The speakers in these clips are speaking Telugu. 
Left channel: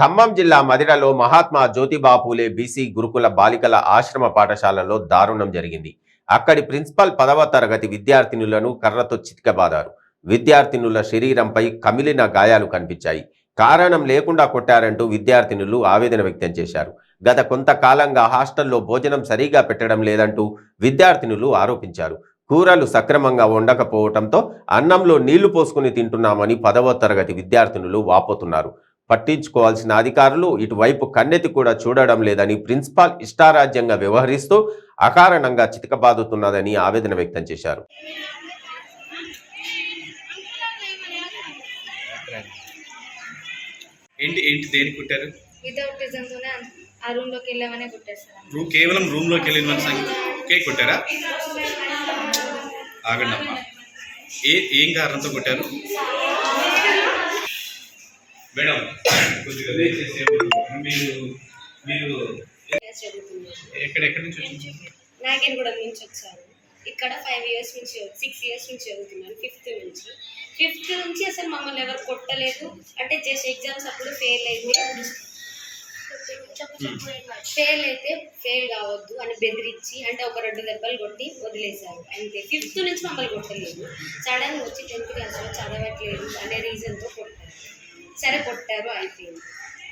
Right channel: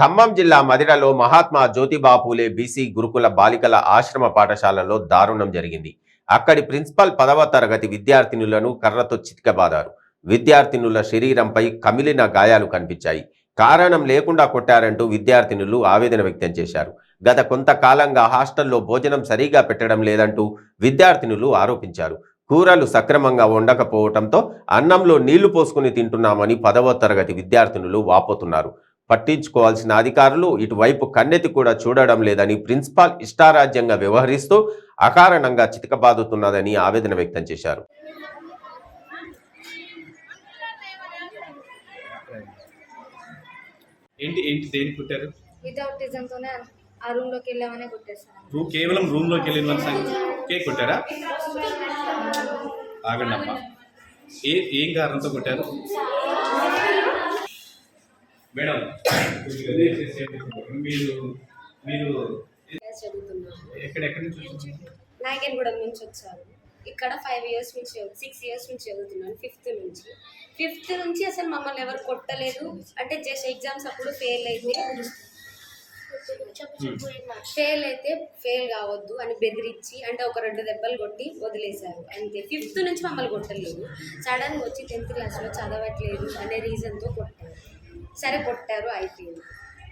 ఖమ్మం జిల్లా మదిరలో మహాత్మా జ్యోతిబా పూలే బీసీ గురుకుల బాలికల ఆశ్రమ పాఠశాలలో దారుణం జరిగింది. అక్కడి ప్రిన్సిపల్ 10వ తరగతి విద్యార్థినులను కర్రతో చితకబాదారు. విద్యార్థినుల శరీరంపై కమిలిన గాయాలు కనిపించాయి. కారణం లేకుండా కొట్టారంటూ విద్యార్థినులు ఆవేదన వ్యక్తం చేశారు. గత కొంతకాలంగా హాస్టల్లో భోజనం సరిగా పెట్టడం లేదంటూ విద్యార్థినులు ఆరోపించారు. కూరలు సక్రమంగా ఉండకపోవడంతో అన్నంలో నీళ్లు పోసుకుని తింటున్నామని 10వ తరగతి విద్యార్థినులు వాపోతున్నారు. పట్టించుకోవాల్సిన అధికారులు ఇటువైపు కన్నెత్తి కూడా చూడడం లేదని, ప్రిన్సిపాల్ ఇష్టారాజ్యంగా వ్యవహరిస్తూ అకారణంగా చితకబాదుతున్నదని ఆవేదన వ్యక్తం చేశారు. ఏంటి ఏంటి దేని కుట్టారు? వితౌట్ రీజన్తోనే ఆ రూమ్లోకి వెళ్ళామనే కొట్టేస్తారు. కేవలం రూమ్లోకి వెళ్ళిన కేక్ కొట్టారా? ఆగండి అమ్మా, ఏం కారణంతో కొట్టారు మేడం? కొద్దిగా మీరు మీరు ఎక్కడెక్కడి నుంచి నాగేన్గూడెం నుంచి వచ్చారు. ఇక్కడ 5 ఇయర్స్ నుంచి 6 ఇయర్స్ నుంచి చదువుతున్నాను. ఫిఫ్త్ నుంచి అసలు మమ్మల్ని ఎవరు కొట్టలేదు. అంటే జస్ట్ ఎగ్జామ్స్ అప్పుడు ఫెయిల్ అయితే ఫెయిల్ కావద్దు అని బెదిరించి అంటే ఒక 2 దెబ్బలు కొట్టి వదిలేశారు అంతే. 5th నుంచి మమ్మల్ని కొట్టలేదు. సడన్గా వచ్చి 10th క్లాస్లో చదవట్లేదు అనే రీజన్తో కొట్టారు. సరే కొట్టారు, అయిపోయింది.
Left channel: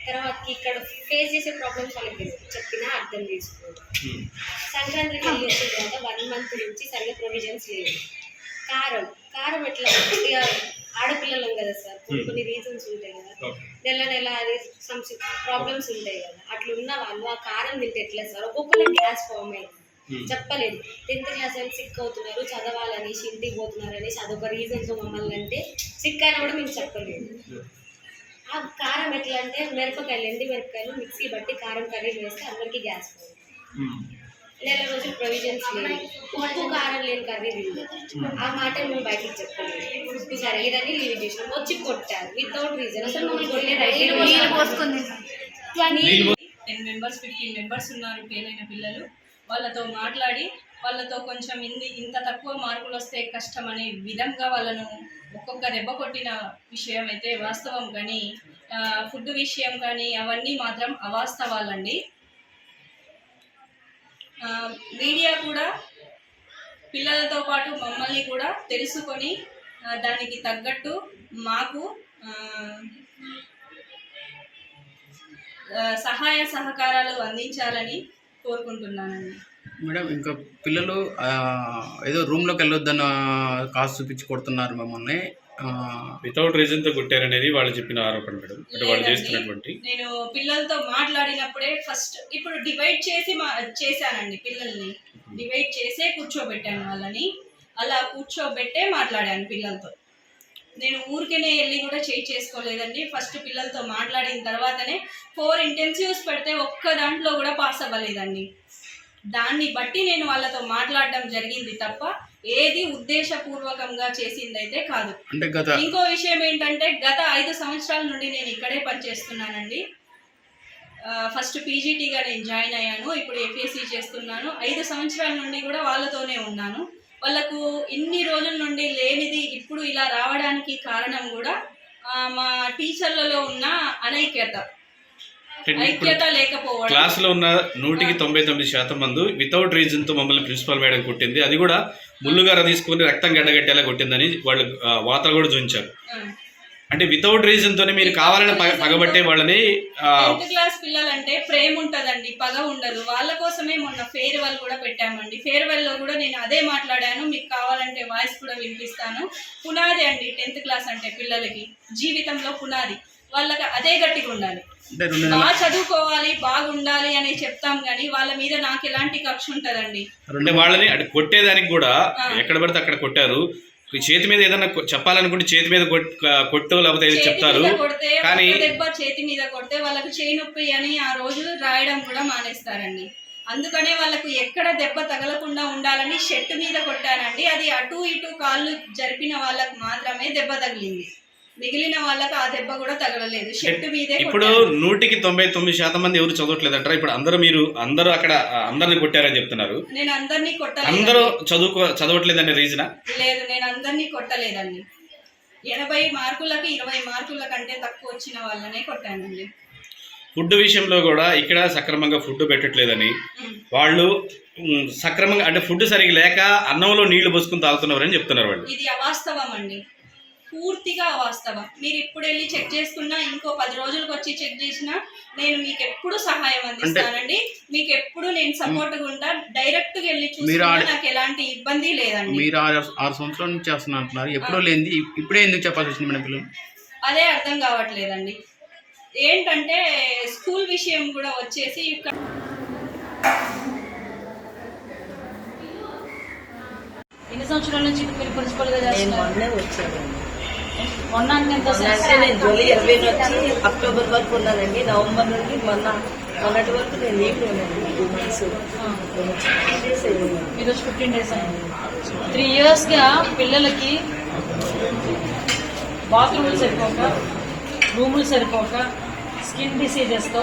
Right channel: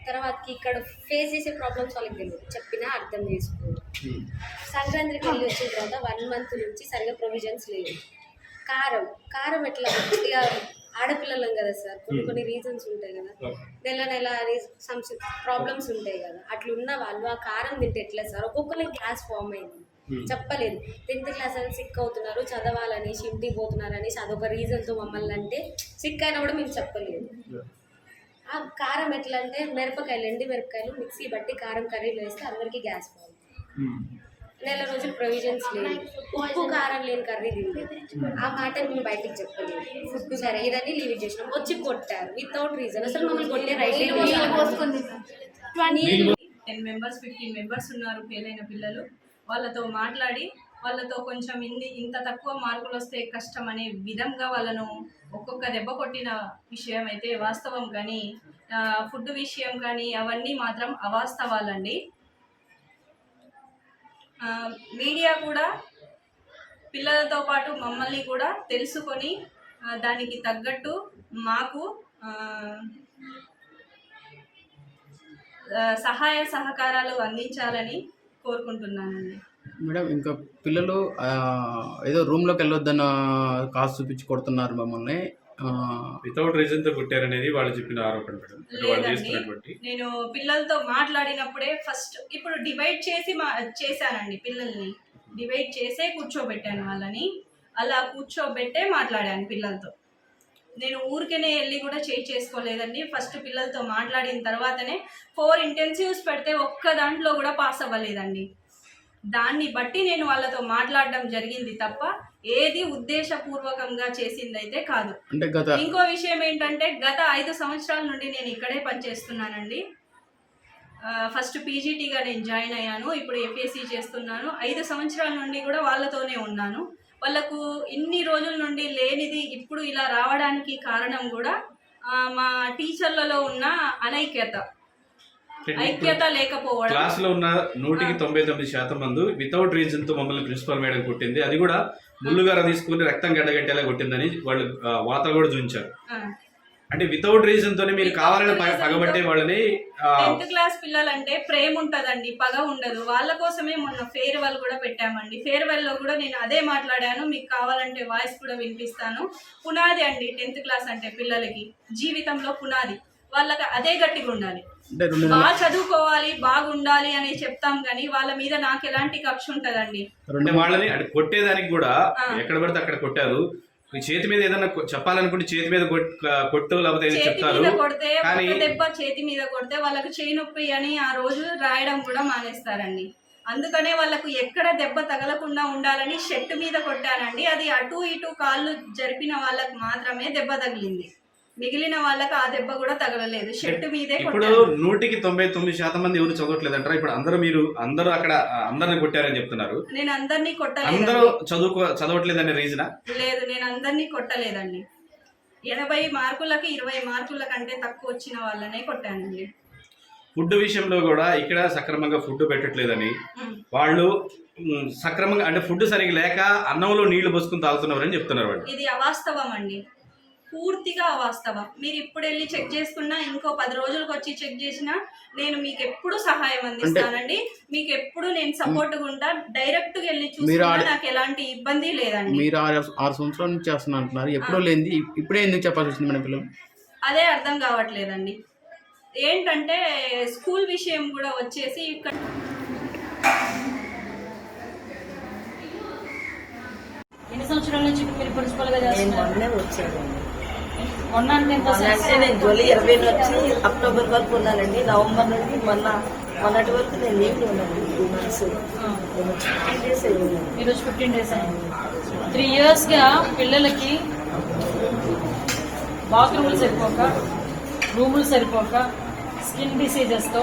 తర్వాత ఇక్కడ ఫేస్ చేసే ప్రాబ్లమ్స్ వాళ్ళకి తెలియదు, చెప్పినా అర్థం చేసుకోరు. సంక్రాంతికి వెళ్ళి వచ్చిన తర్వాత 1 మంత్ నుంచి సరిగా ప్రొవిజన్స్ లేవు. కారం ఎట్లా ఇక ఆడపిల్లలం కదా సార్, కొన్ని రీజన్స్ ఉంటాయి కదా, నెల అది ప్రాబ్లమ్స్ ఉంటాయి కదా, అట్లున్న వాళ్ళు ఆ కారం తింటే ఎట్లా సార్? ఒక్కొక్కరికి గ్యాస్ ఫామ్ అయింది, చెప్పలేదు. 10th క్లాస్ అని సిక్ అవుతున్నారు, చదవాలనేసి ఇంటికి పోతున్నారు అనేసి అదొక రీజన్తో మమ్మల్ని అంటే సిక్ అయినా కూడా మేము చెప్పలేదు. ఆ కారం ఎట్లా అంటే ఎండి మిరపకాయలు మిక్సీ బట్టి కారం కర్రీలు వేస్తే అందరికీ గ్యాస్ ఫామ్. నెల రోజులు ప్రొవిజన్స్ లేవు, ఉప్పు కారం లేని కర్రీ తింది. ఆ మాట మేము బయటికి చెప్పలేదు. ఫుడ్ సరిగ్గాని లీవ్ చేసినాం, వచ్చి కొట్టారు వితౌట్ రీజన్. అసలు మమ్మల్ని కొట్టే రైట్ పోసుకుంది. 10 మెంబర్స్ 15 మెంబర్స్ ఉన్నారు ఫెయిల్ అయిన పిల్లలు. వాళ్ళతో మాట్లాడి వాళ్ళతో కొంచెం ఇంత తక్కువ మార్కులు వస్తే కష్టం అనే విధంగా వాళ్ళను ఒక్కొక్క దెబ్బ కొట్టిన విషయం అయితే వాస్తవం, కానీ ఫుడ్ విషయం కానీ అవన్నీ మాత్రం అవాస్తవాలండి. మీడియా కూడా పిల్లలతో పాటు మమ్మల్ని కూడా తెలుసుకొని దానికి తగ్గట్టు మాకు సహాయ సహకారాలు అందించాలని కోరుకుంటున్నానండి. మేడం, ఇంకా పిల్లలు ఏదో రూమ్లోకి వెళ్ళొద్దన్న కాసు చూపించి కొడుతున్నారు మమ్మల్ని, వితౌట్ రీజన్తో కొట్టారనేది వాళ్ళు చెప్పిన ఆరోపణ మేడం. వాళ్ళు చేస్తున్నటువంటి నేను పిల్లలతో మాట్లాడినప్పుడే ఫస్ట్ ఇప్పుడు డివైడ్ చేసి చేశానండి. పిల్లల్ని డివైడ్ చేసే కూర్చోబెట్టాను. వాళ్ళని అలా కూర్చోబెట్టే మాట్లాడాను పిల్లలతో. నేను ఊరికేనే వెళ్ళి కూడా చేసుకోలేదండి. ఫస్ట్ పిల్లలతో మాట్లాడిన తర్వాతనే 4 ఇంటెన్సివ్స్ పెడితే ఒక్క దాంట్లో కూడా పాస్ అవ్వలేదండి. దాన్ని బట్టి నేను వాళ్ళతో మాట్లాడడం జరిగింది తప్ప ఏది ఉద్దేశపూర్వకంగా చేసిందైతే కాదు. ఇంకో విషయం ఏంటంటే గత 5 సంవత్సరాల నుండి నేను ఇక్కడే పనిచేస్తున్నానండి. ఫస్ట్ పీజీటీగా నేను జాయిన్ అయ్యాను, ఇప్పుడు ఎఫ్ఎస్సి చేస్తున్నాను. 5 సంవత్సరాల నుండి కూడా వాళ్ళతోనే ఉన్నాను. వాళ్ళకు ఇన్ని రోజుల నుండి లేనిది ఇప్పుడు ఇలా రావడానికి కారణం కూడా మా టీచర్లలో ఉన్న ఐక్యత లేకపోవడం. క్లాస్లో ఉన్న 199% మంది వితౌట్ రీజన్తో మమ్మల్ని ప్రిన్సిపల్ మేడం కొట్టింది, అది కూడా ముళ్ళుగార తీసుకుని రక్తం గడ్డగట్టేలా కొట్టిందని వాళ్ళు వార్తలు కూడా చూపించారు. అంటే వితౌట్ రీజన్ తోనే మీరు కావాలని పగబట్టే వాళ్ళని. 10th క్లాస్ పిల్లలంటే ప్రేమ ఉంటుందండి, పగ ఉండదు. వాళ్ళ కోసమే మొన్న ఫేర్వెల్ కూడా పెట్టామండి. ఫేర్వెల్లో కూడా నేను అదే మాట్లాడాను, మీకు కావాలంటే వాయిస్ కూడా వినిపిస్తాను. పునాది అండి 10th క్లాస్ అంటే పిల్లలకి జీవితంలో పునాది. వాళ్ళకి అదే గట్టిగా ఉండాలి, బాగా చదువుకోవాలి, బాగుండాలి అని చెప్తాం కానీ వాళ్ళ మీద నాకు ఎలాంటి కక్ష ఉంటదండి. వాళ్ళని కొట్టేదానికి కూడా ఎక్కడ పడితే అక్కడ కొట్టారు. చేతి మీద ఏదైనా చెప్పాలనుకుంటే చేతి మీద కొట్టు లేకపోతే చెప్తారు, కానీ దెబ్బ చేతి మీద కొడితే వాళ్ళకి చేయి నొప్పి అని ఆ రోజు రాయడం కూడా మానేస్తారండి. అందుకనే వాళ్ళకు ఎక్కడ దెబ్బ తగలకుండా ఉండాలని షర్ట్ మీద కొట్టానండి. అది అటు ఇటు కాళ్ళు జరిపిన వాళ్ళకు మాత్రమే దెబ్బ తగిలింది, మిగిలిన వాళ్ళకి ఆ దెబ్బ కూడా తగలలేదు. షర్ట్ మీదే. ఇప్పుడు 199% మంది ఎవరు చదవట్లేదు అంటారా? ఇప్పుడు అందరూ అక్కడ అందరిని కొట్టారని చెప్తున్నారు. నేను అందరినీ కొట్టలేదు. అందరూ చదవట్లేదనే రీజనా? లేదు, నేను అందరినీ కొట్టలేదండి. 80 మార్కులకి 20 మార్కుల కంటే తక్కువ వచ్చిన వాళ్ళనే కొట్టానండి. ఫుడ్ విషయంలో కూడా ఇక్కడ సక్రమంగా ఫుడ్ పెట్టట్లేదని వాళ్ళు సక్రమంగా అంటే ఫుడ్ సరిగ్గా లేక అన్నంలో నీళ్లు పోసుకుని తాగుతున్నారని చెప్తున్నారు వాళ్ళు. ఇది అవాస్తవం అండి, పూర్తిగా అవాస్తవం. మీరు ఇప్పుడు వెళ్ళి చెక్ చేసుకున్నా, ఇంకో 10 రోజులకు వచ్చి చెక్ చేసినా నేను మీకు ఎప్పుడు సహాయం అందిస్తానండి. మీకు ఎప్పుడు నేను సపోర్ట్గా ఉంటా. డైరెక్ట్ గా వెళ్ళి చూసినా నాకు ఎలాంటి ఇబ్బంది లేదండి. మీరు 6 సంవత్సరాల నుంచి చేస్తున్నా అంటున్నారు, ఎప్పుడో లేనిది ఇప్పుడే ఎందుకు చెప్పాల్సి వచ్చింది మన పిల్లలు? అదే అర్థం కావట్లేదండి. ఏంటంటే స్కూల్ విషయం కూడా వచ్చేసి ఇక్కడ ఎన్ని సంవత్సరాల నుంచి మీరు ప్రిన్సిపల్ గా నేను చేస్తున్నారు? మొన్నే వచ్చానండి. మొన్న అంటే ఎంత అంటే నేను జూలై 20 వచ్చి అక్టోబర్ వరకు ఉన్నానండి. నవంబర్ నుండి మొన్నటి వరకు నేను లీవ్లో ఉన్నాను. 2 months. 15 days అయ్యింది. ఈరోజు 15 days అయింది. 3 years గా పిల్లలకి బాత్రూములు సరిపోక, రూములు సరిపోక, స్కిన్ డిసీజెస్తో,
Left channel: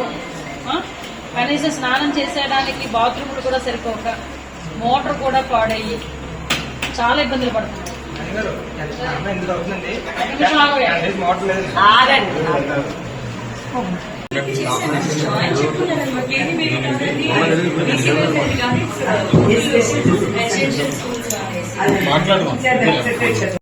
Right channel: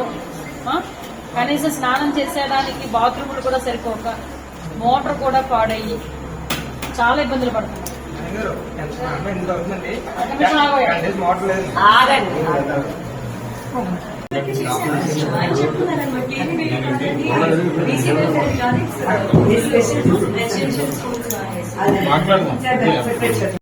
కనీసం స్నానం చేసేయడానికి బాత్రూములు కూడా సరిపోక, మోటార్ కూడా పాడయ్యి చాలా ఇబ్బందులు పడుతున్నారు. ఆగండి.